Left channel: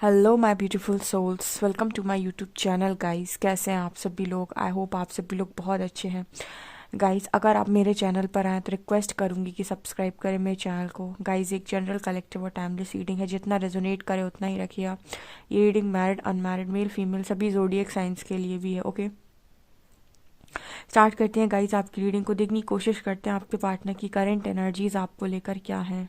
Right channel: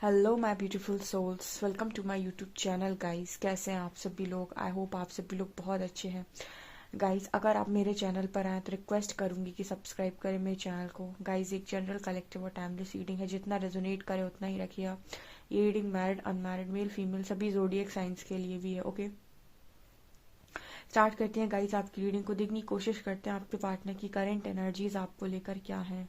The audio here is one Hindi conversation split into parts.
Hello my beautiful souls, welcome to my YouTube channel guys. कैसे हैं आप सभी लोग? आई होप आप सभी लोग बहुत अच्छे हैं। गाइस, अगर आप मेरे चैनल पर आए तो रिक्वेस्ट करूंगी कि सब्सक्राइब करें मेरे चैनल को। गाइस, एक जनरल कलेक्टिव और टाइमलेस रीडिंग है, जितना रेजोनेट करे उतना ही रखिए आप। ये reading married, unmarried, male female सभी जोडियक साइंस के लिए भी है। ओके, स्टार्ट करते हैं गाइस। आपकी रीडिंग को देखने की कोशिश करते हैं आपके पार्टनर की करंट एनर्जीज आपको लेकर क्या है।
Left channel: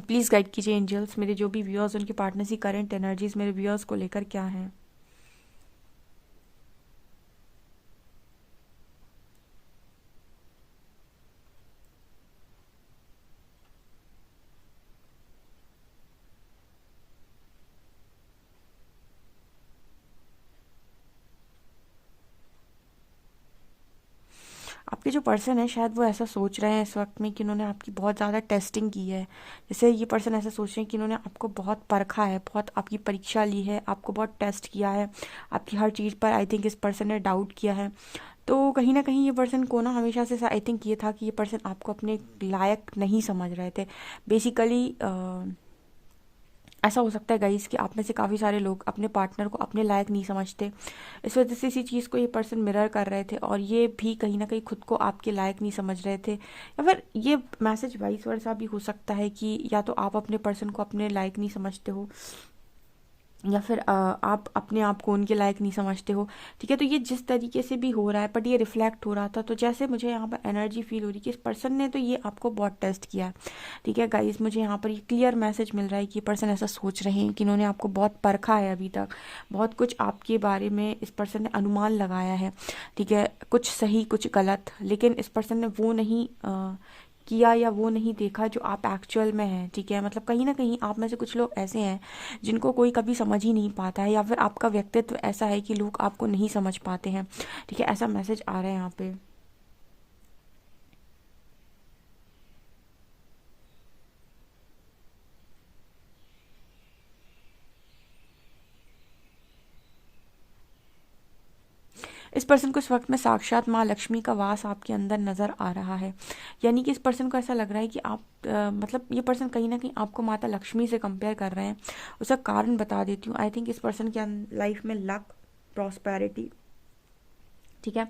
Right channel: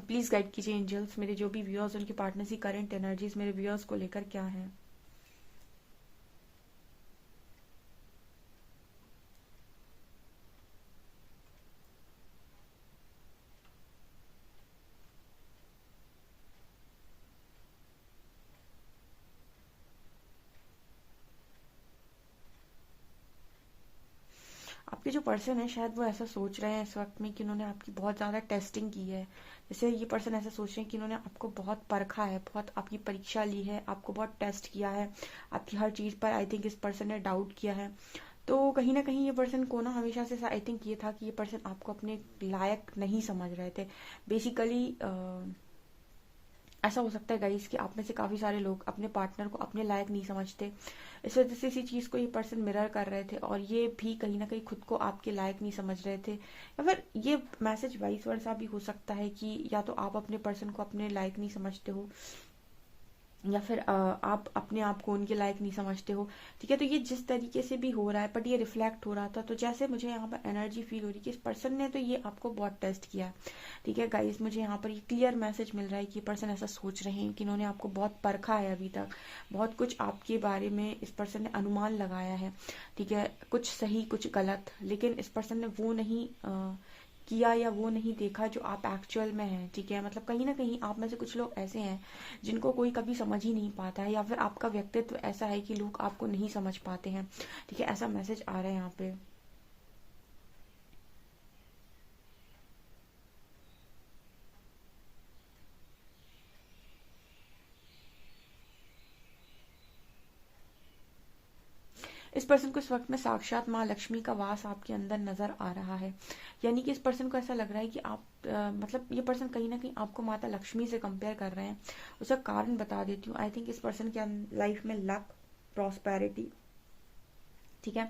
प्लीज़ गाइड कीजिए एंजल्स, मेरे जो भी व्यूअर्स उनके पार्टनर्स की करंट एनर्जीज मेरे व्यूअर्स को लेकर क्या है। आपके जो पर्सन है शायद वो ऐसा सोच रहे हैं इस वक्त में कि उन्होंने आपकी बहुत ज़्यादा टेस्टिंग की है। जैसे ये पर्सन ऐसा सोच रहे हैं कि उन्होंने आपको बहुत परखा है, बहुत आपकी परीक्षा ली है, आपको बहुत टेस्ट किया है। आपकी हर चीज़ पर आई थिंक इस पर्सन ने डाउट किया है। तो कहीं ना कहीं ये पर्सन को ना हमेशा से आई थिंक ये था कि ये पर्सन आपको अपने लायक नहीं समझ रहे थे बेसिकली। ऐसा हो सकता है गाइस कि आप में से काफ़ी सारे लोग अपने पार्टनर को अपने लायक नहीं समझते। इस वजह से इसी चीज़ को ये पर्सन मिरर कर रहे थे और ये भी कहीं ना कहीं खुद को आपके लायक नहीं समझ रहे थे। या फिर ये मैसेज वाइस वर्सा भी हो सकता है कि या तो आप अपने पर्सन को अपने लायक नहीं समझते हो, या फिर आप अपने आप को उनके लायक नहीं समझते हो। ठीक है, तो ये जिस तरीके से भी हो रहा है बट ये रिफ्लेक्ट हो रहा था, तो जैसे मुझे यहाँ पर एनर्जी फील हो रही है कि इस पर्सन ने तो ये आपको बहुत टेस्ट किया है। ठीक है गाइस, मुझे यहाँ पर ये क्लियर मैसेज मिल रहा है कि पर्सन ऐसा सोच रहे हैं कि इन्होंने आपको बहुत परखा है अभी तक। बहुत कुछ आपके बारे में इस पर्सन ने अनुमान लगाया है। ठीक है, कुछ सही कुछ गलत, लेकिन इस पर्सन ने वो नहीं किया या वो नहीं देखा जो आप एक्चुअल में हैं। ठीक है, मतलब कहीं ना कहीं आप में से कुछ लोग ऐसे हैं जिनको कोई कभी समझ ही नहीं पाता है, या फिर आपका व्यक्तित्व ऐसा है कि लोग आपको नहीं समझ पाते हैं। ठीक है, ऐसा मैसेज आ रहा है यहाँ पे। इस पर्सन को इस वक्त में साक्षात माँ लक्ष्मी का वास आपके अंदर नजर आ रहा है। यानी कि इस पर्सन को ऐसा लग रहा है कि आप मतलब ये पर्सन कहीं ना कहीं आपको माता लक्ष्मी से कंपेयर कर रहे हैं। उसका कारण बता देती हूँ। आई थिंक इस पर्सन के लाइफ में लक, प्रॉस्पेरिटी। ठीक है,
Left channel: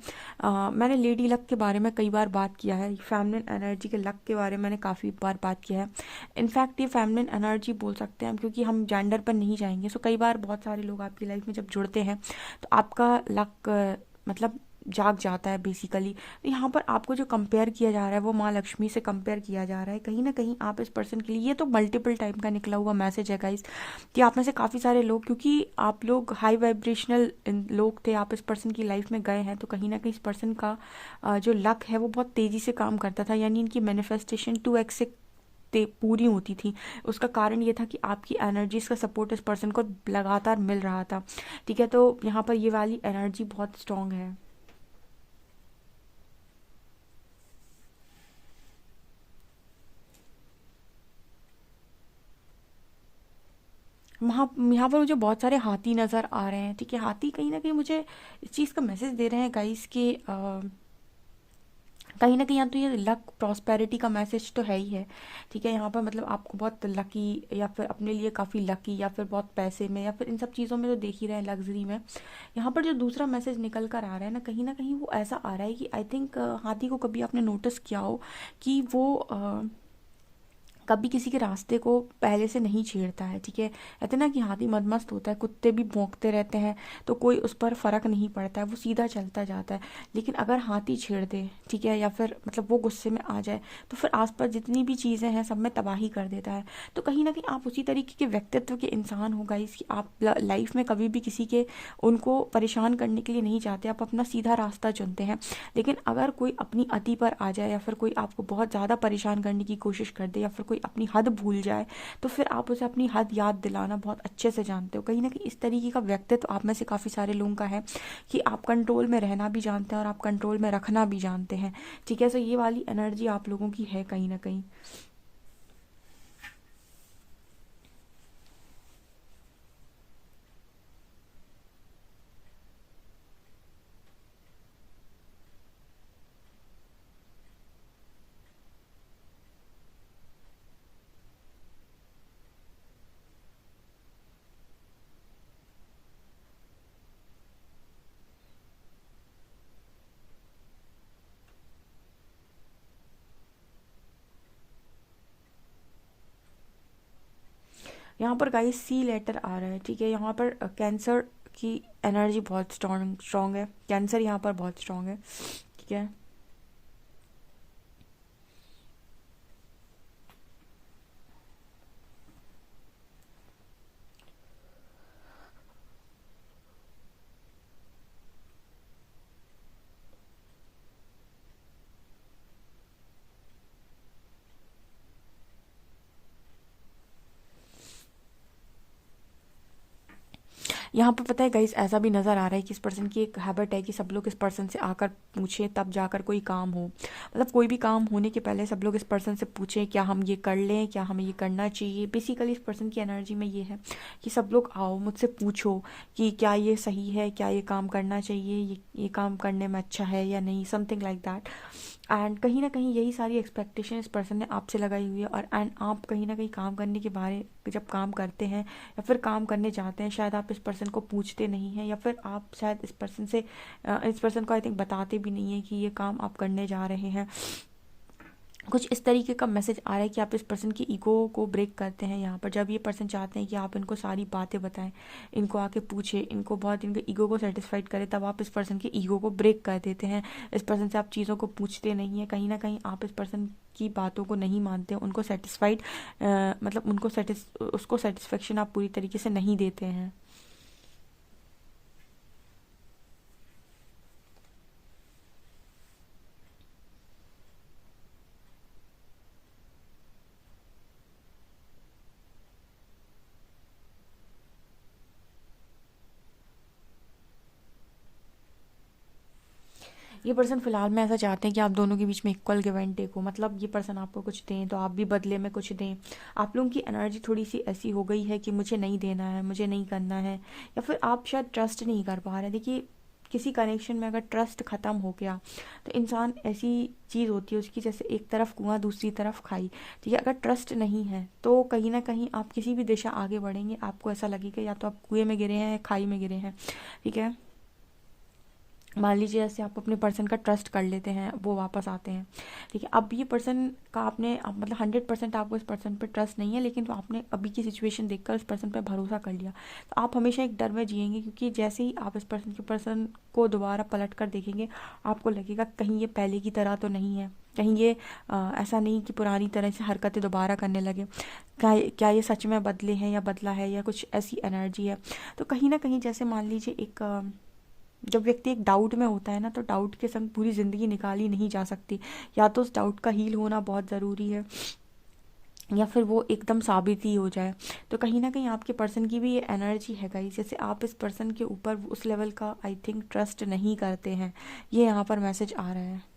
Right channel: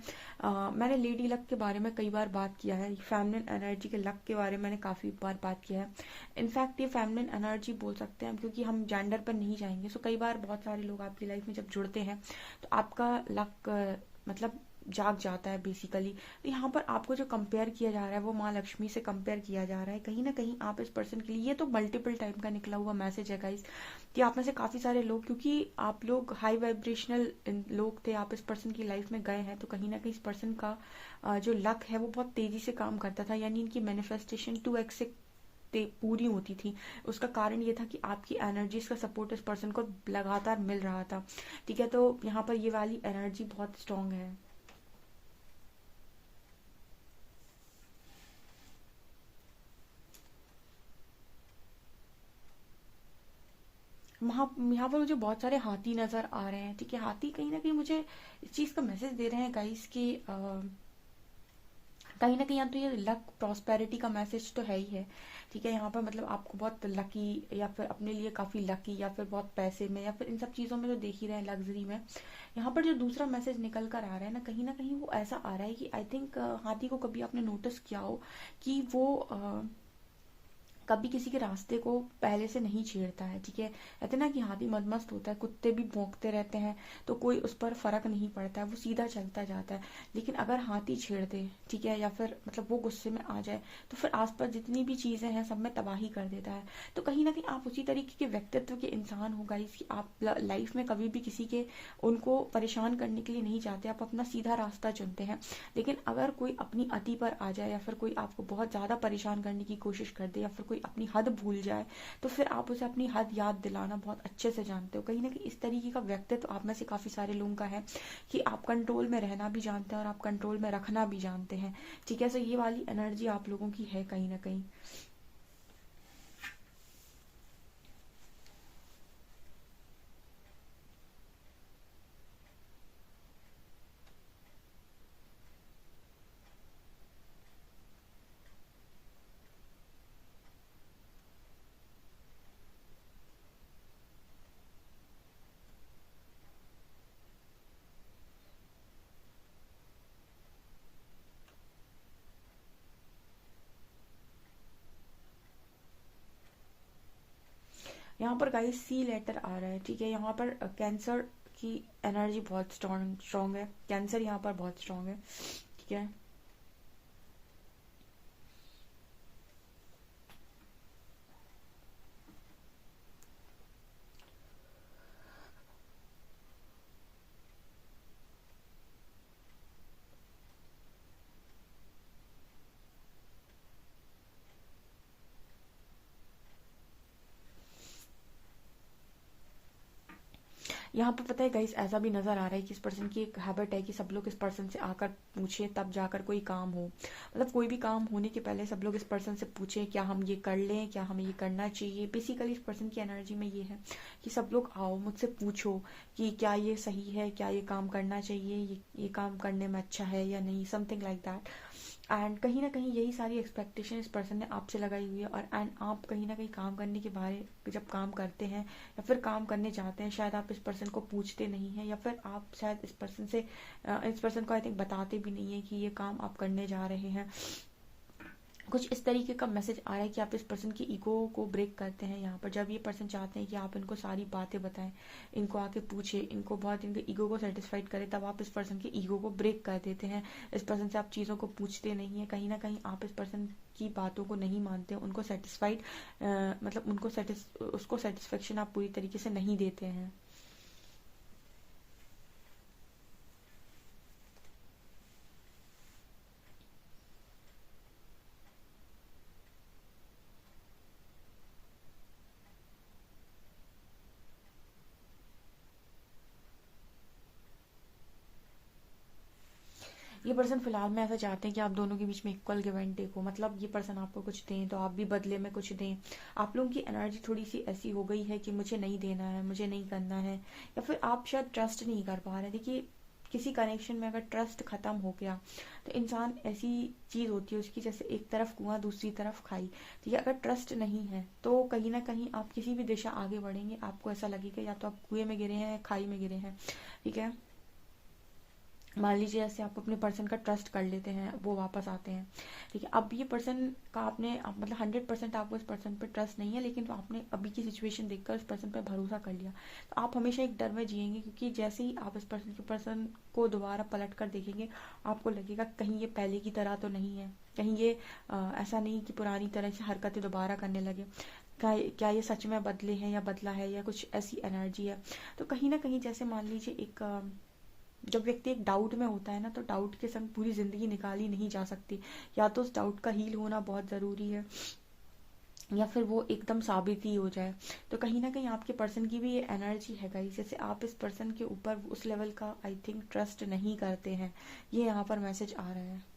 मैंने लेडी लक के बारे में कई बार बात किया है, फेमिनिन एनर्जी के लक के बारे में मैंने काफ़ी बार बात किया है। इनफैक्ट ये फेमिनिन एनर्जी बोल सकते हैं हम, क्योंकि हम जेंडर पर नहीं जाएंगे। सो कई बार बहुत सारे लोग आपकी लाइफ में जब जुड़ते हैं तो आपका लक मतलब जाग जाता है बेसिकली। तो यहाँ पर आपको जो कंपेयर किया जा रहा है वो माँ लक्ष्मी से कंपेयर किया जा रहा है। कहीं ना कहीं आप इस पर्सन के लिए, ये तो मल्टीपल टाइम का निकला हुआ मैसेज है गाइस, कि आप में से काफ़ी सारे लोग, क्योंकि आप लोग हाई वाइब्रेशनल लोग थे, आप इस पर्सन की लाइफ में गए हैं, तो कहीं ना कहीं इस पर्सन का जो लक है वो बहुत तेज़ी से काम करता था। यानी इनकी मैनिफेस्टेशन 2x से पूरी होती थी। उसका कारण ये था कि आपकी एनर्जीज का सपोर्ट इस पर्सन को लगातार मिल रहा था। ठीक है, तो यहाँ पर ये वाली एनर्जी बहुत स्ट्रांग है। वहाँ यहाँ पर मुझे बहुत सारे हाथी नज़र आ रहे हैं। ठीक है, हाथी कहीं ना कहीं मुझे इस चीज़ का मैसेज दे रहे हैं गाइस कि कहीं ना कहीं यहाँ तो ये लक प्रॉस्पेरिटी का मैसेज तो है ही है। ठीक है, यहाँ पर मतलब आपको बहुत लकी, या फिर अपने लिए काफ़ी लकी, या फिर बहुत पैसे में, या फिर इन सब चीज़ों में तो देख ही रहे हैं, लग्जरी में। यहाँ पर जो दूसरा मैसेज निकल कर आ रहा है ना कहीं वो ऐसा आ रहा है कि आई थिंक हाथी को कभी आपने नोटिस किया हो कि वो कभी किसी के रास्ते को पहले से नहीं छेड़ता है। ठीक है, कहते हैं ना कि हाथी मदमस्त होता है, कुत्ते भी भौंकते रहते हैं तो कोई उस पर फर्क नहीं पड़ता है, वो सीधा चलता जाता है। लेकिन अगर हाथी छेड़ दे, ठीक है, या फिर मतलब वो गुस्से में आ जाए, तो फिर आसपास जितनी भी चीज़ें हैं सब में तबाही कर देता है। तो कहीं ना कहीं आप उसी तरीके के व्यक्तित्व के इंसान हो गाइस, कि आप लाइफ में कभी भी किसी के उनको परेशान करने के लिए नहीं चाहते, आप अपना सीधा रास्ता चुनते हैं। लेकिन अगर कोई अपनी अति पर आ जाए, या फिर कोई आपको बहुत ज़्यादा परेशान करने की कोशिश कर दे, या फिर कोई अपनी हद भूल जाए, तो फिर आप उसे अपनी हद याद दिलाना बहुत अच्छे से जानते हो। कहीं ना कहीं इस तरीके का व्यक्तित्व आप में से काफ़ी सारे लोगों का है कि आप कंट्रोल में रहना भी जानते हैं और आप कंट्रोल में रखना भी जानते हैं। ठीक है, सो ये वाली एनर्जी आप लोगों की है कहीं ना कहीं। यहाँ पर गाइस सी लेटर आ रहा है, ठीक है। यहाँ पर कैंसर की एनर्जी बहुत स्ट्रॉन्ग स्ट्रॉन्ग है, कैंसर यहाँ पर बहुत स्ट्रॉन्ग है, ठीक है। यहाँ पर पता है गाइस ऐसा भी नज़र आ रहा है कि इस पर्सन की एक हैबिट है कि सब लोग इस पर्सन से आकर पूछे तब जाकर कोई काम हो, मतलब कोई भी काम होने के पहले सब लोग इस पर्सन से पूछे क्या हम ये कर लें, क्या हमें ये करना चाहिए। बेसिकली इस पर्सन की एनर्जी में ये है कि सब लोग आओ मुझसे पूछो कि क्या ये सही है, क्या ये काम करना चाहिए, ये काम करने में अच्छा है या नहीं, समथिंग लाइक दैट। एंड कहीं ना कहीं यही सारी एक्सपेक्टेशन इस पर्सन ने आपसे लगाई हुई है। और एंड आप कहीं ना कहीं काम करने के बारे जब काम करते हैं या फिर काम करने जाते हैं, शायद आप इस पर्सन को पूछते नहीं हैं, या फिर आप शायद इस पर्सन को आई थिंक बताते भी नहीं है कि ये काम आप करने जा रहे हैं। कुछ इस तरीके का मैसेज आ रहा है कि आप इस पर्सन की ईगो को ब्रेक करते हैं यहाँ पर, जब ये पर्सन चाहते हैं कि आप इनको सारी बातें बताएं, इनको आके पूछे, इनको बहुत इनके ईगो को सेटिस्फाइड करें, तब आप इस पर्सन की ईगो को ब्रेक कर देते हैं। इस पर्सन से आप चीज़ों को पूछते नहीं हैं, कहीं ना कहीं आप इस पर्सन की बातों को नहीं मानते, उनको सेटिस्फाइड मतलब उसको सेटिस्फेक्शन आप पूरी तरीके से नहीं देते हैं। ये पर्सन फिलहाल में ऐसा चाहते हैं कि आप दोनों के बीच में इक्वल गिव एंड टेक हो, मतलब ये पर्सन आपको कुछ दें तो आप भी बदले में कुछ दें। आप लोगों की एनर्जी थोड़ी सी ऐसी हो गई है कि मुझे नहीं देना है, मुझे नहीं करना है, या फिर आप शायद ट्रस्ट नहीं कर पा रहे। देखिए किसी कनेक्शन में अगर ट्रस्ट खत्म हो गया तो इंसान ऐसी चीज़ होती है उसकी, जैसे एक तरफ कुआं दूसरी तरफ खाई, ठीक है। अगर ट्रस्ट नहीं है तो कहीं ना कहीं आप किसी भी दिशा आगे बढ़ेंगे आपको ऐसा लगेगा या तो आप कुएं में गिरे हैं या खाई में गिरे हैं, ठीक है। मान लीजिए ऐसे आप अपने पर्सन का ट्रस्ट कर लेते हैं, वो वापस आते हैं, ठीक है। अब ये पर्सन का आपने मतलब 100% आपको इस पर्सन पर ट्रस्ट नहीं है, लेकिन तो आपने अभी की सिचुएशन देखकर उस पर्सन पर भरोसा कर लिया, तो आप हमेशा एक डर में जिएंगे, क्योंकि जैसे ही आप इस पर्सन को दोबारा पलट कर देखेंगे आपको लगेगा कहीं ये पहले की तरह तो नहीं है, कहीं ये ऐसा नहीं कि पुरानी तरह से हरकतें दोबारा करने लगे, क्या ये सच में बदले हैं या बदला है, या कुछ ऐसी एनर्जी है। तो कहीं ना कहीं जैसे मान लीजिए एक जब व्यक्ति एक डाउट में होता है ना, तो डाउट के संग पूरी ज़िंदगी निकाली नहीं जा सकती, या तो उस डाउट का हील होना बहुत ज़रूरी है या फिर वो एकदम साबित ही हो जाए। तो कहीं ना कहीं आपके पर्सन की भी ये एनर्जी है गाइस, जैसे आप इस पर्सन के ऊपर उस लेवल का आई थिंक ट्रस्ट नहीं करते हैं, ये यहाँ पर मैसेज आ रहा है।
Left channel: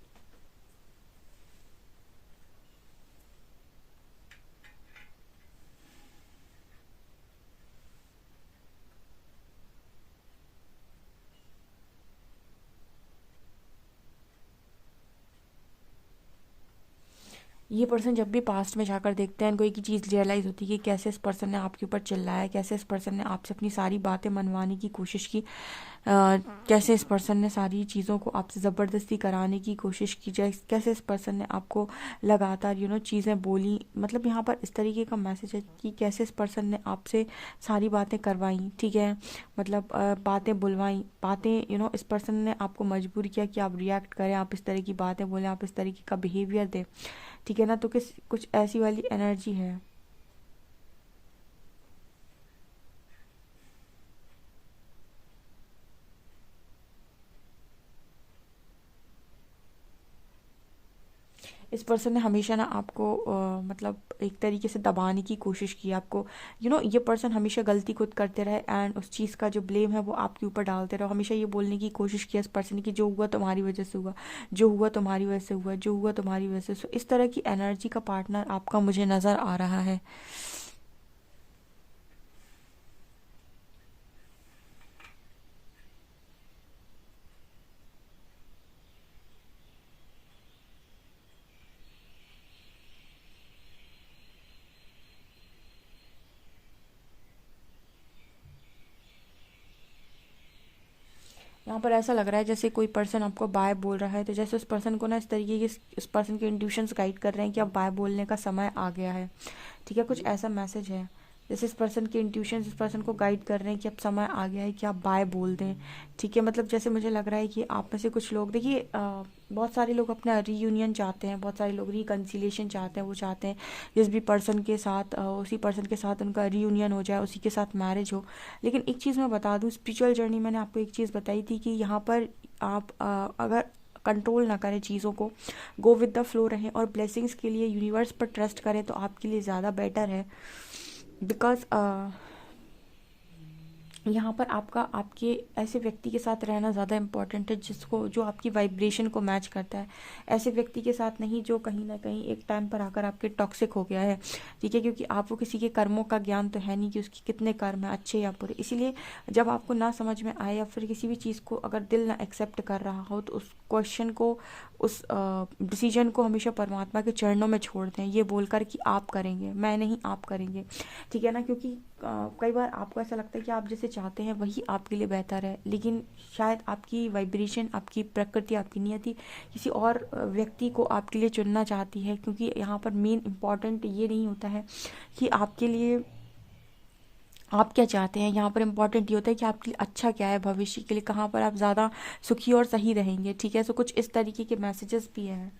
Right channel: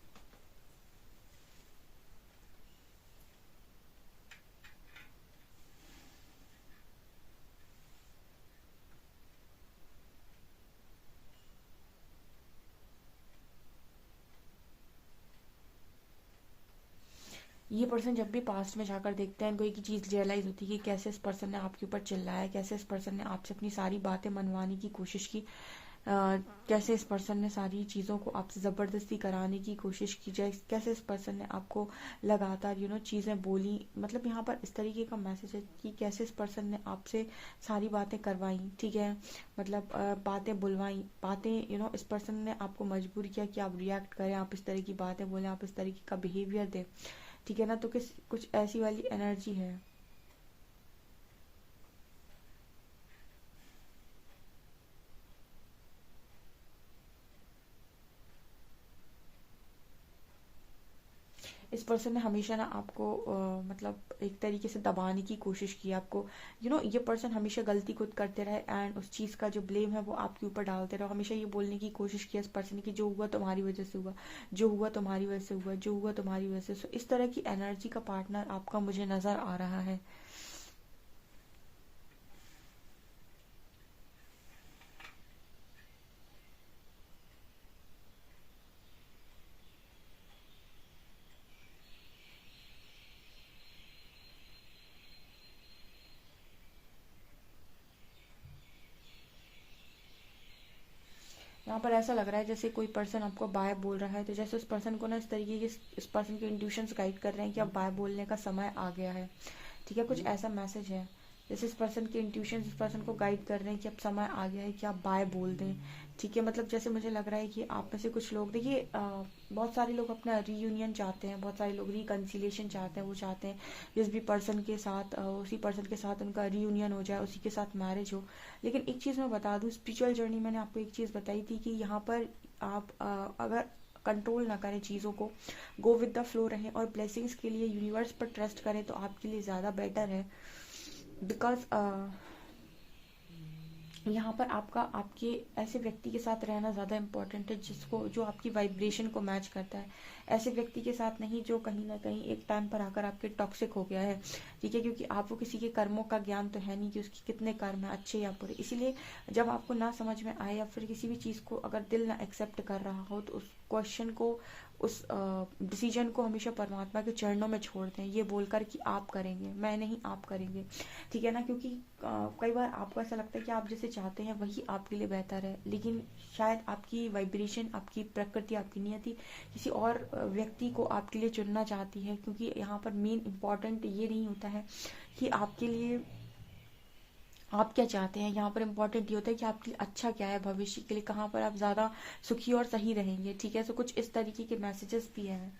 ये पर्सन जब भी पास्ट में जाकर देखते हैं, इनको एक ही चीज़ रियलाइज़ होती है कि कैसे इस पर्सन ने आपके ऊपर चिल्लाया, कैसे इस पर्सन ने आपसे अपनी सारी बातें मनवाने की कोशिश की, कैसे इस पर्सन ने सारी चीज़ों को आपसे ज़बरदस्ती कराने की कोशिश की जाए, कैसे इस पर्सन ने आपको लगातार चीज़ें बोली। मतलब यहाँ पर इस तरीके का मैसेज है कि कैसे इस पर्सन ने आपसे सारी बातें करवाई, ठीक है। मतलब बातें बुलवाई, बातें इस पर्सन ने आपको मजबूर किया कि आप रिएक्ट करें, आप इस तरह की बातें बोलें, आप इस तरीके का बिहेवियर दें, ठीक है ना। तो कुछ ऐसी वाली एनर्जी है। इस पर्सन ने हमेशा ना आपको मतलब एक तरीके से दबाने की कोशिश की आपको, ये पर्सन हमेशा गलती खुद करते रहे एंड उस चीज़ का जो ब्लेम है वो आपके ऊपर डालते रहे, हमेशा ये बोलने की कोशिश की इस पर्सन की जो हुआ तुम्हारी वजह से हुआ, जो हुआ तुम्हारी वजह से हुआ, जो हुआ तुम्हारी वजह से। इस तरह की एनर्जी का पार्टनर आपका मुझे नज़र आ रहा है। यहाँ पर ऐसा लग रहा है जैसे कोई पर्सन आपको बाय बोल रहा है, तो जैसे उस पर्सन को ना इस तरीके के इस पर्सन के इंट्यूशंस गाइड कर रहे हैं कि अब बाय बोलने का समय आ गया है, ठीक है। कुछ ऐसा मैसेज है जैसे इस पर्सन के इंट्यूशन इस पर्सन को गाइड कर रहे हैं कि अब समय आ गया है कि आप बाय बोल दें, ठीक है। मतलब जैसे मुझे लग रहा है कि आप में से कुछ लोग, देखिए बहुत सारे लोग अपना रीयूनियन चाहते हैं, बहुत सारे लोग रिकन्सिलेशन चाहते हैं, वो चाहते हैं जिस भी पर्सन के साथ उसी पर्सन के साथ उनका रीयूनियन हो जाए, उसी के साथ मैरिज हो। लेकिन एक चीज़ मैं बता दूं, स्पिरिचुअल जर्नी मैंने आपको एक चीज़ बताई थी कि यहाँ पर आप अगर कंट्रोल ना करें चीज़ों को, गो विद द फ्लो रहें और ब्लेसिंग्स के लिए यूनिवर्स पर ट्रस्ट करें, तो आपके लिए ज़्यादा बेटर है। बिकॉज यहाँ पर आपका आपके ऐसे व्यक्ति के साथ रहना ज़्यादा इम्पोर्टेंट है जिसको जो आपकी वाइब्रेशन को मैच करता है। ऐसे व्यक्ति के साथ नहीं जो कहीं ना कहीं एक टाइम पर आकर आपके टॉक्सिक हो गया है, ठीक है। क्योंकि आपको किसी के कर्मों का ज्ञान तो है नहीं कि उसके कितने कर्म हैं, अच्छे या बुरे। इसीलिए जब आपको ना समझ में आए या फिर किसी भी चीज़ को अगर दिल ना एक्सेप्ट कर रहा हो, तो उस क्वेश्चन को, उस डिसीजन को हमेशा परमात्मा के चरणों में छोड़ दें, ये बोलकर कि आप करेंगे, मैं नहीं, आप करेंगे, ठीक है ना। क्योंकि कई बार आपको ऐसा लगता है कि आप जैसे चाहते हैं वही आपके लिए बेहतर है, लेकिन शायद आपकी वाइब्रेशन, आपकी प्रकृति, आपकी नियति किसी और व्यक्ति को आपके लिए चुनना चाहती है। क्योंकि यहाँ पर मेन इम्पॉर्टेंट ये नहीं होता है कि आपके लिए आप क्या चाहते हैं, यहाँ पर इम्पोर्टेंट ये होता है कि आपके लिए अच्छा क्या है, भविष्य के लिए कहाँ पर आप ज़्यादा सुखी और सही रहेंगे, ठीक है। सो कुछ इस तरीके के मैसेजेस भी हैं।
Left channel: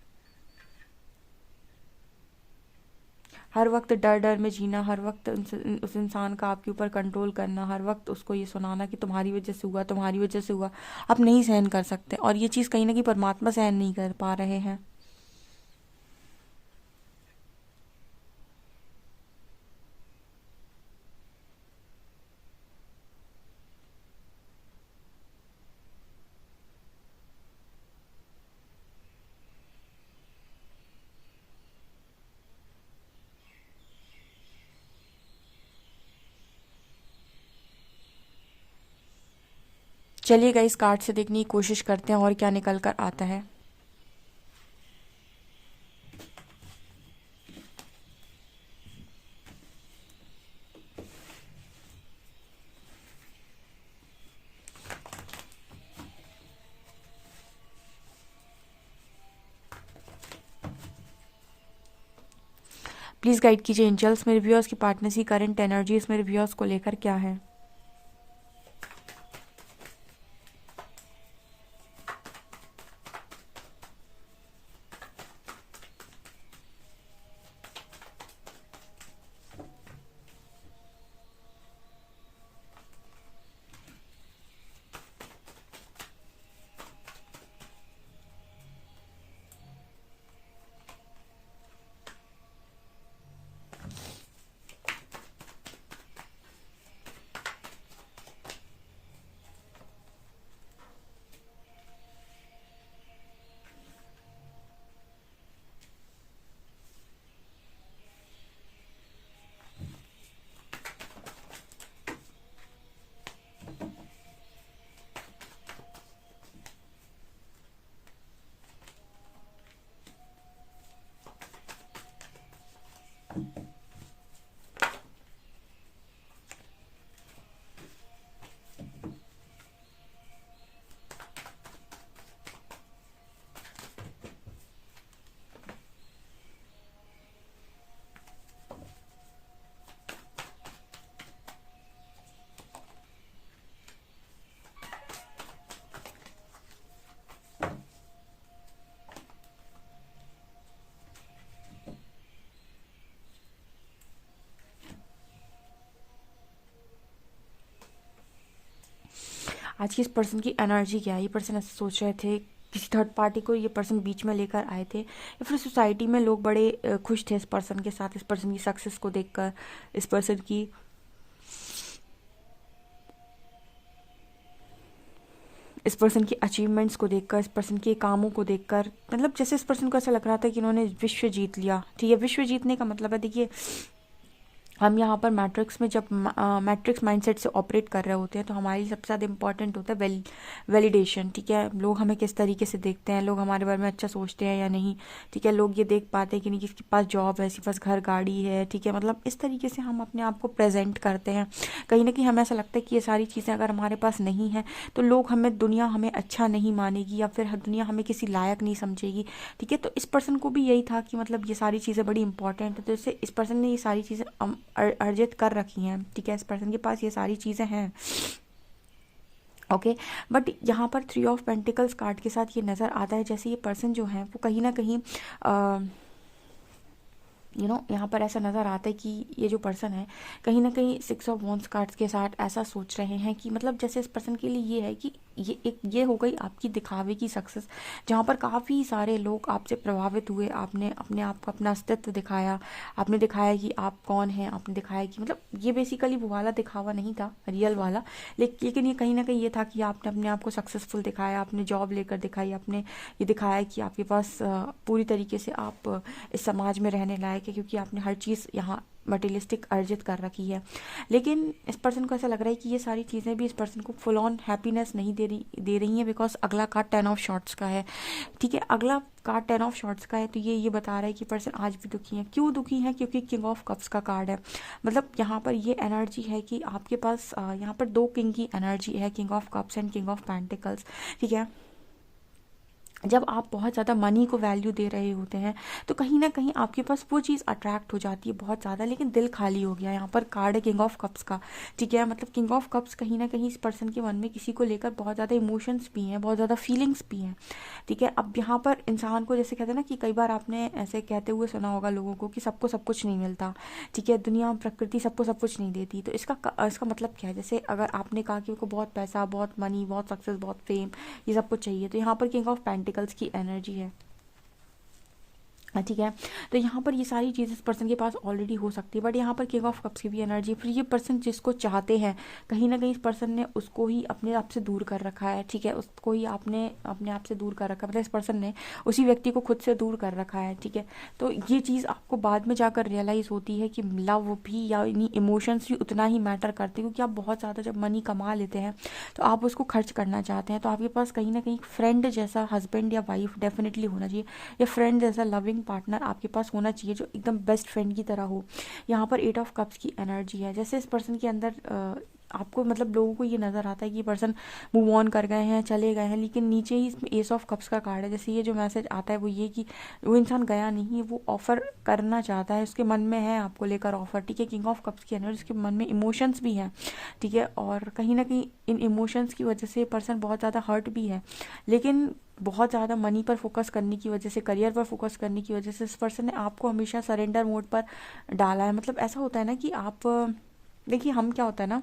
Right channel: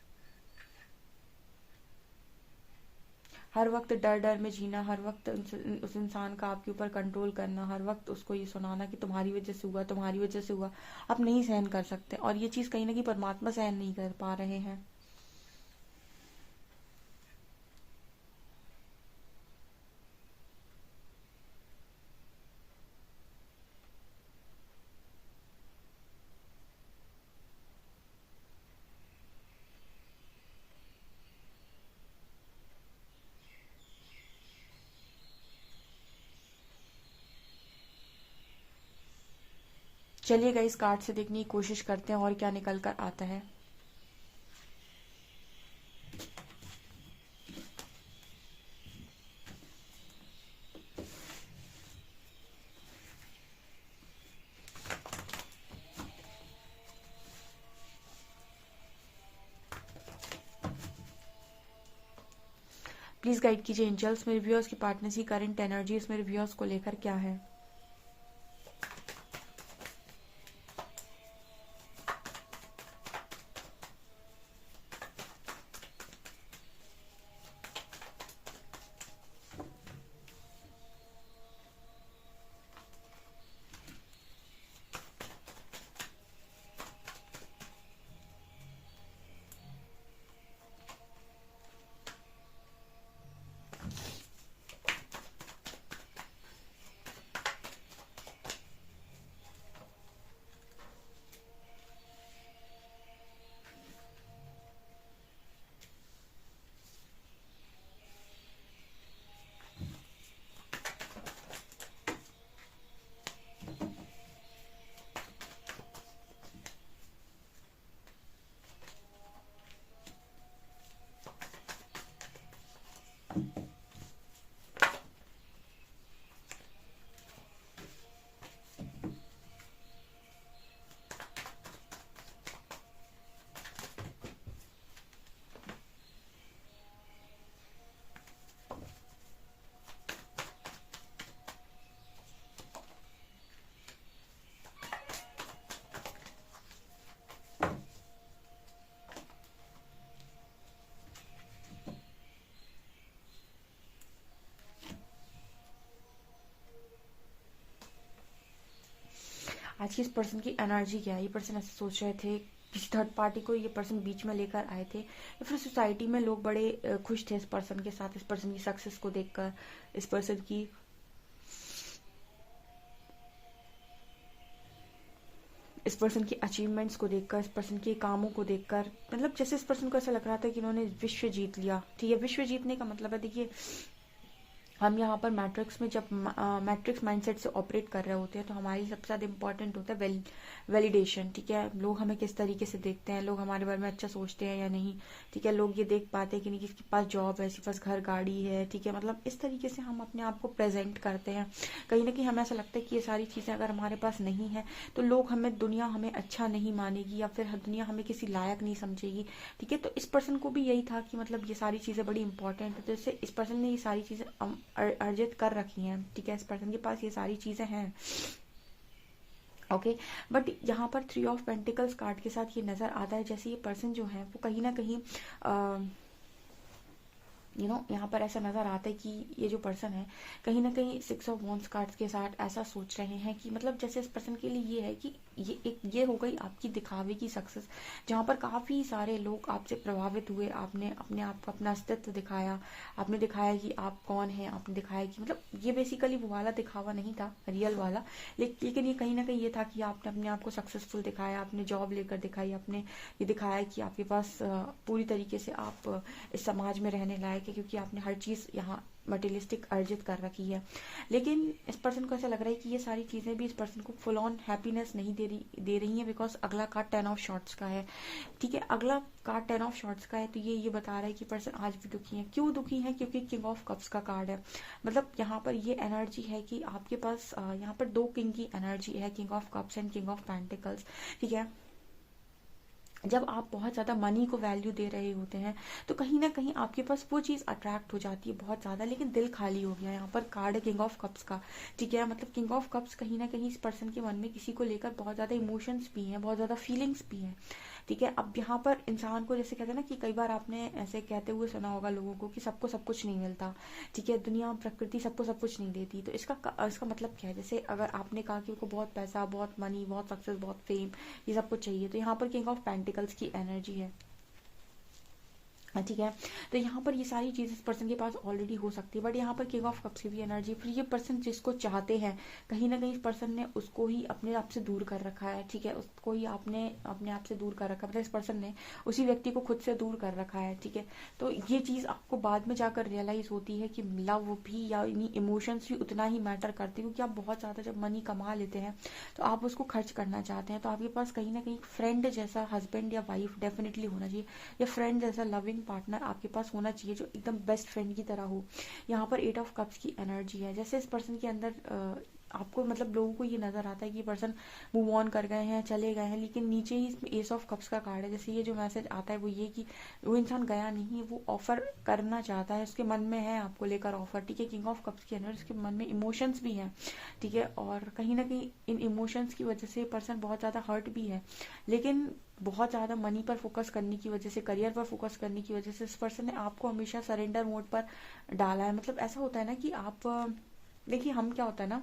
हर वक्त डर डर में जीना, हर वक्त उस इंसान का आपके ऊपर कंट्रोल करना, हर वक्त उसको ये सुनाना कि तुम्हारी वजह से हुआ, तुम्हारी वजह से हुआ, आप नहीं सहन कर सकते। और ये चीज़ कहीं ना कहीं परमात्मा सहन नहीं कर पा रहे हैं। चलिएगा इस कार्ड से देखने की कोशिश करते हैं और क्या निकल कर आता है। प्लीज़ गाइड कीजिए एंजल्स, मेरे व्यूअर्स की पार्टनर्स की करंट एनर्जीज मेरे व्यूअर्स को लेकर क्या है। आज की इस पर्सन की एनर्जी क्या है। ये पर्सन ऐसे सोच रहे थे, किसी थर्ड पार्टी को ये पर्सन बीच में लेकर आए थे, या फिर सोसाइटी में लोग बड़े खुश थे इस पर्सन के साथ, इस पर्सन की सक्सेस को देखकर, इस पर्सन की इस पर्सन की अचीवमेंट्स को देखकर, इस पर्सन के कामों को देखकर। मतलब जैसे इस पर्सन को ऐसा लग रहा था कि इन्होंने विश्व जीत लिया, ठीक है। विश्व जीतने का मतलब है, देखिए हम यहाँ पर मैट्रिक्स में जब मैट्रिक्स माइंडसेट से ऑपरेट कर रहे होते हैं, तो हमारी सबसे ज़्यादा इंपॉर्टेंट होता है वैलिडेशन, ठीक है। लोग हमें किस तरीके से देखते हैं, लोग हमारे बारे में अच्छा सोचते हैं या नहीं, ठीक है। लोग ये देख पाते हैं कि नहीं किसके पास जॉब है, किसके पास घर गाड़ी है, ठीक है। मतलब इस तरीके से हम अपने आप को प्रेजेंट करते हैं। कहीं ना कहीं हमें ऐसा लगता है कि ये सारी चीज़ें अगर हमारे पास नहीं है तो लोग हमें, दुनिया हमें अच्छा नहीं मानेगी, या फिर दुनिया हमें किसी लायक नहीं समझेगी, ठीक है। तो इस पर्सन को भी यही था कि मतलब ये सारी चीज़ें बड़ी इंपॉर्टेंट है, तो इससे इस पर्सन ने ये सारी चीज़ें अर्जित कर रखी हैं, ठीक है, इस पर्सन के पास ये सारी चीज़ें हैं। ओके, बट यहाँ पर 3 ऑफ पेंटिकल्स कार्ड के साथ ये नज़र आता है जैसे ये पर्सन जो है वो कहीं ना कहीं यहाँ पर ऐसा नज़र आता है कि ये जो पर्सन है कहीं ना कहीं 6 ऑफ वॉन्ड्स कार्ड्स के साथ ऐसा सोच रहे हैं कि मतलब जैसे इस पर्सन के लिए ये है कि ये हो गई आपकी दिखावे की सक्सेस, जहाँ पर काफ़ी सारे लोग आपसे प्रभावित हुए, आपने अपने आप को अपना अस्तित्व दिखाया, आपने दिखाया कि आप कौन हैं, आपने दिखाया कि मतलब ये बेसिकली वो वाला दिखावा नहीं था रियल वाला, लेकिन ये कहीं ना कहीं ये था कि आपने अपने आप को सक्सेसफुल दिखाया, आपने जॉब लेकर दिखाई, आपने ये दिखाया कि आपके पास पूरी तरीके से आप इस समाज में रहने लायक है, क्योंकि आपने हर चीज़ यहाँ मटेरियलिस्टिक अर्जित कर रखी है। लेकिन इस पर्सन को ऐसा लग रहा है कि ये सारी चीज़ें भी इस पर्सन को फुल ऑन हैप्पीनेस नहीं दे रही हैं, बिकॉज अगला कार्ड 10 ऑफ शॉर्ट्स का है, ठीक है, अगला कार्ड 10 ऑफ शॉर्ट्स का है, तो ये बता रहा है कि पर्सन आज भी दुखी है। क्यों दुखी है? क्योंकि किंग ऑफ कप्स का कार्ड है, मतलब यहाँ पर ये एनर्जी है कि आपके पास यहाँ पर 2 किंग की एनर्जी है, king of cups and king of pentacles, ठीक है। जब आप बहुत ज़्यादा मनी को वैल्यू दे रहे होते हैं तो कहीं ना कहीं आपके पास वो चीज़ अट्रैक्ट हो जाती है बहुत ज़्यादा, लेकिन दिल खाली हो गया। यहाँ पर कार्ड है किंग ऑफ कप्स का, ठीक है, मतलब किंग ऑफ कप्स कहीं ना कहीं इस पर्सन के मन में किसी को लेकर बहुत ज़्यादा इमोशंस भी हैं, बहुत ज़्यादा फीलिंग्स भी हैं, ठीक है। अब यहाँ पर इंसान को जैसे कहते हैं ना कि कई बार आपने ऐसे कहते हुए सुना होगा लोगों को कि सबको सब कुछ नहीं मिलता, ठीक है, दुनिया प्रकृति सबको सब कुछ नहीं देती, तो इसका मतलब क्या है? जैसे अगर आपने कहा कि उनको बहुत पैसा, बहुत मनी, बहुत सक्सेस, बहुत फेम, ये सब कुछ चाहिए, तो यहाँ पर किंग ऑफ पेंटिकल्स की एनर्जी है, ठीक है। तो यहाँ पर ये सारी चीज़ इस पर्सन के पास ऑलरेडी हो सकती है, बट यहाँ पर किंग ऑफ कप्स की भी एनर्जी, फिर ये पर्सन जिसको चाहते हैं कहीं ना कहीं इस पर्सन ने उसको ही अपने आप से दूर कर रखा है, ठीक है, उसको ही आपने अपने आप से दूर कर रखा है, मतलब इस पर्सन ने उसी व्यक्ति को खुद से दूर कर रखा है, ठीक है। तो ये चीज़ आपको बाद में जाकर रियलाइज़ होती है कि लव भी या इमोशंस भी उतना ही मैटर करते हैं, क्योंकि आप बहुत ज़्यादा जब मनी कमा लेते हैं तो आप उसको खर्च करना चाहते हैं, तो आपके पास कहीं ना कहीं फ्रेंड जैसा हस्बैंड या वाइफ डेफिनेटली होना चाहिए, या फ्रेंड जैसा लविंग पार्टनर आपके पास होना चाहिए जो एकदम बेस्ट फ्रेंड की तरह हो। यहाँ पर 8 ऑफ कप्स की एनर्जी है, जैसे इस पर्सन के अंदर आपको मतलब लोगों को ये नज़र आता है कि ये पर्सन मूव ऑन कर गए हैं, चले गए हैं, लेकिन नीचे ही इसमें एस ऑफ कप्स का कार्ड है। जैसे ये जो मैसेज आता है वो ये कि वो इंसान गया नहीं है, वो ऑफर करना चाहता है, उसके मन में है आपको लेकर ऑफर, ठीक है। किंग ऑफ कप्स की एनर्जी, उसके मन में इमोशंस भी हैं, ठीक है, और कहीं ना कहीं इन इमोशंस की वजह से पर्सन बहुत ज़्यादा हर्ट भी है, लेकिन बहुत ज़्यादा मनी पर फोकस करने की वजह से, करियर पर फोकस करने की वजह से इस पर्सन ने आपको हमेशा सरेंडर मोड पर डाला है। मतलब ऐसा होता है ना कि आप देखिए, हम क्या होता है ना,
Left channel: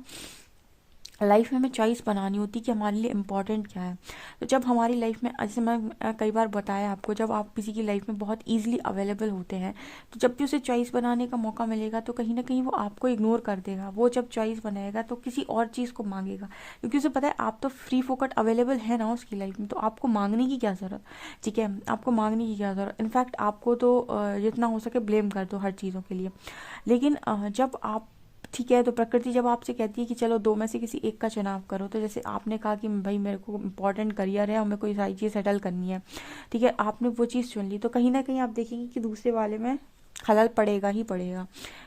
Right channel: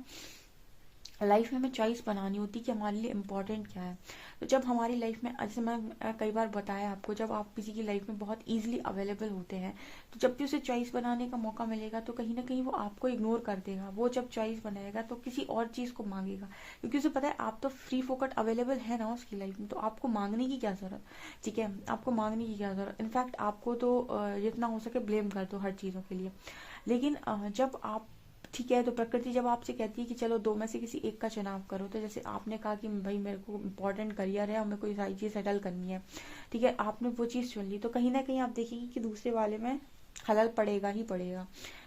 लाइफ में हमें चॉइस बनानी होती है कि हमारे लिए इम्पोर्टेंट क्या है। तो जब हमारी लाइफ में, जैसे मैं कई बार बताया आपको, जब आप किसी की लाइफ में बहुत इजीली अवेलेबल होते हैं तो जब भी उसे चॉइस बनाने का मौका मिलेगा तो कहीं ना कहीं वो आपको इग्नोर कर देगा। वो जब चॉइस बनाएगा तो किसी और चीज़ को मांगेगा, क्योंकि उसे पता है आप तो फ्री फोकट अवेलेबल है ना उसकी लाइफ में, तो आपको मांगने की क्या ज़रूरत, ठीक है, आपको मांगने की क्या ज़रूरत। इनफैक्ट आपको तो जितना हो सके ब्लेम कर दो हर चीज़ों के लिए। लेकिन जब आप, ठीक है, तो प्रकृति जब आपसे कहती है कि चलो 2 में से किसी एक का चुनाव करो, तो जैसे आपने कहा कि भाई मेरे को इम्पोर्टेंट करियर है और मेरे को ये सारी चीज़ सेटल करनी है, ठीक है, आपने वो चीज़ चुन ली, तो कहीं ना कहीं आप देखेंगे कि दूसरे वाले में खलल पड़ेगा ही पड़ेगा,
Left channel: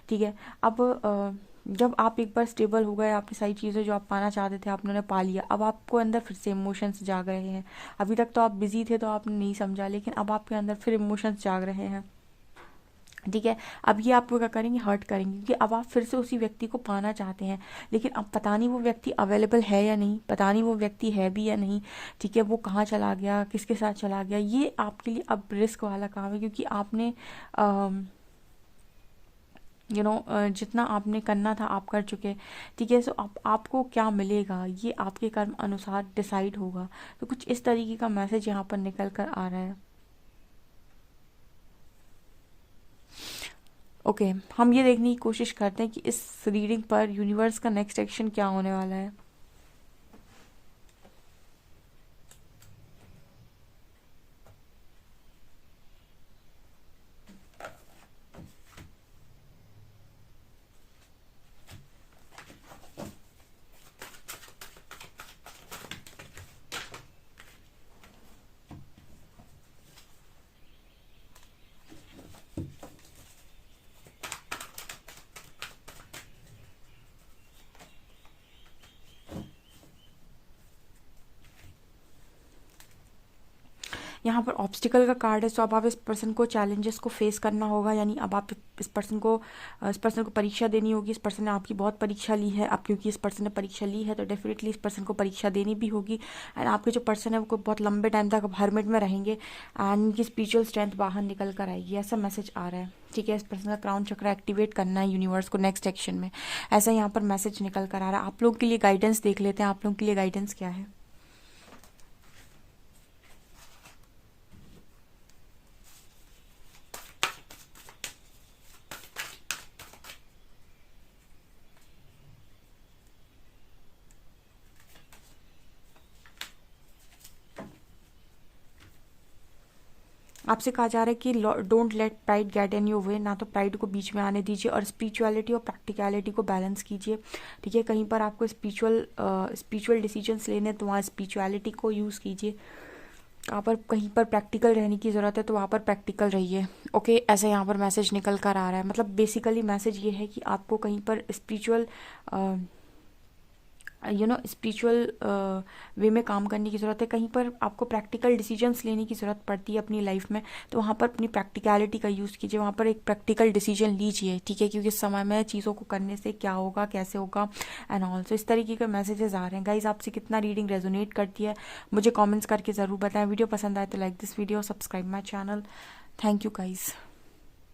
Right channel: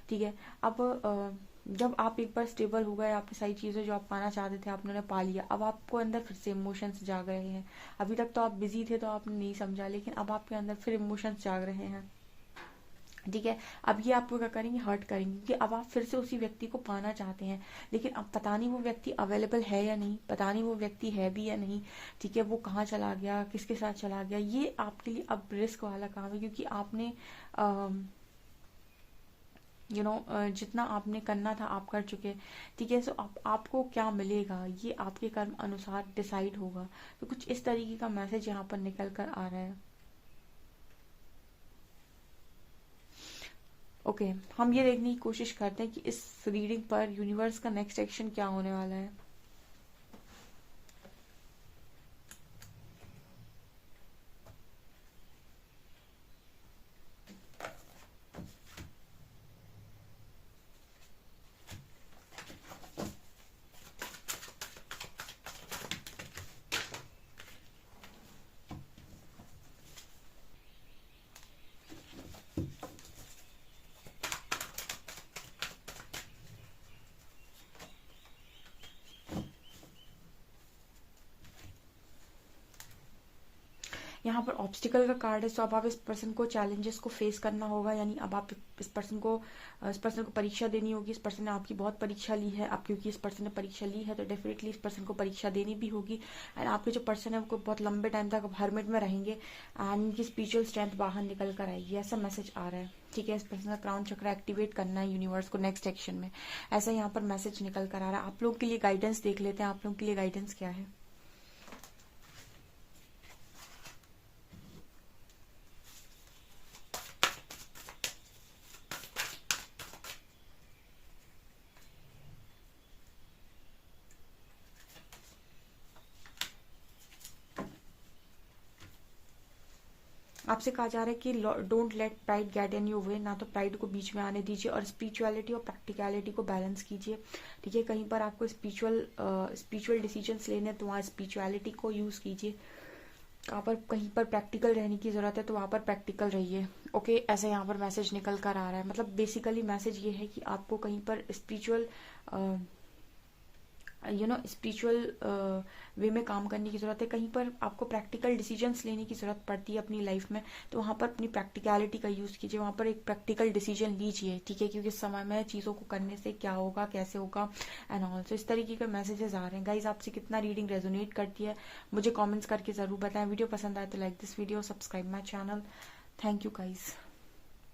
ठीक है। अब जब आप एक बार स्टेबल हो गए, आपने सारी चीज़ें जो आप पाना चाहते थे आपने उन्हें पा लिया, अब आपको अंदर फिर से इमोशंस जाग रहे हैं। अभी तक तो आप बिजी थे तो आपने नहीं समझा, लेकिन अब आपके अंदर फिर इमोशंस जाग रहे हैं, ठीक है। अब ये आपको क्या करेंगे, हर्ट करेंगे, क्योंकि अब आप फिर से उसी व्यक्ति को पाना चाहते हैं, लेकिन अब पता नहीं वो व्यक्ति अवेलेबल है या नहीं, पता नहीं वो व्यक्ति है भी या नहीं, ठीक है, वो कहाँ चला गया, किसके साथ चला गया, ये आपके लिए अब रिस्क वाला काम है, क्योंकि आपने जितना आपने करना था आप कर चुके, ठीक है। सो आपको क्या मिलेगा ये आपके कर्म अनुसार डिसाइड होगा। तो कुछ इस तरीके का मैसेज यहाँ पर निकल कर आ रहा है। ओके, हम ये देखने की कोशिश करते हैं कि इस रीडिंग पर यूनिवर्स का नेक्स्ट एक्शन क्या होने वाला है। यहाँ पर ऑब्स्टिकल का कार्ड है, सो अब आप इस पर्सन को चैलेंजेस को फेस करना होगा, यानी अब आप इस पर्सन को परीक्षा देनी होगी। इस पर्सन ने आपकी बहुत परीक्षा ली है, अब क्योंकि इस पर्सन ने परीक्षा ली है तो डेफिनेटली इस पर्सन को परीक्षा देनी भी होगी। एंड आपके जो पर्सन है वो बहुत लंबे टाइम तक हर्मिट में रहेंगे एंड उनकी स्पिरिचुअल स्ट्रेंथ बाहर निकल कर आएगी, ऐसा मैसेज आ रहा है। ठीक है, इस पर्सन का क्राउन चक्र एक्टिवेट करना है यूनिवर्स को नेक्स्ट एक्शन में, ऐसा यहाँ पर मैसेज निकल कर आ रहा है। आप लोगों के लिए गाइडेंस देख लेते हैं, आप लोगों के लिए गाइडेंस क्या है। आपसे कहा जा रहा है कि don't let pride get in your way, ना तो प्राइड को बीच में आने दीजिए और स्पिरिचुअलिटी और प्रैक्टिकलिटी को बैलेंस कीजिए। ठीक है, कहीं पर आपको स्पिरिचुअल डिसीजंस लेने तो वहाँ स्पिरिचुअलिटी को यूज़ कीजिए, वहाँ पर कहीं पर प्रैक्टिकल रहने की ज़रूरत है तो वहाँ पर प्रैक्टिकल रहिए। ओके, ऐसे यहाँ पर मैसेज निकल कर आ रहा है। मतलब बेसिकली मैसेज ये है कि आपको कहीं पर स्पिरिचुअल स्पिरिचुअल वे में काम करने की ज़रूरत है, कहीं पर आपको प्रैक्टिकल डिसीजंस लेने की ज़रूरत पड़ती है अपनी लाइफ में, तो वहाँ पर अपनी प्रैक्टिकलिटी का यूज़ कीजिए, वहाँ पर एक प्रैक्टिकल डिसीजन लीजिए। ठीक है, क्योंकि इस समय में चीज़ों को करने से क्या होगा, कैसे होगा एंड ऑल्सो इस तरीके के मैसेजेस आ रहे हैं। गाइज, आपसे कितना रीडिंग रेजोनेट करती है मुझे कॉमेंट्स करके ज़रूर बताएं। वीडियो पसंद आए तो like this video, subscribe my channel. Thank you guys.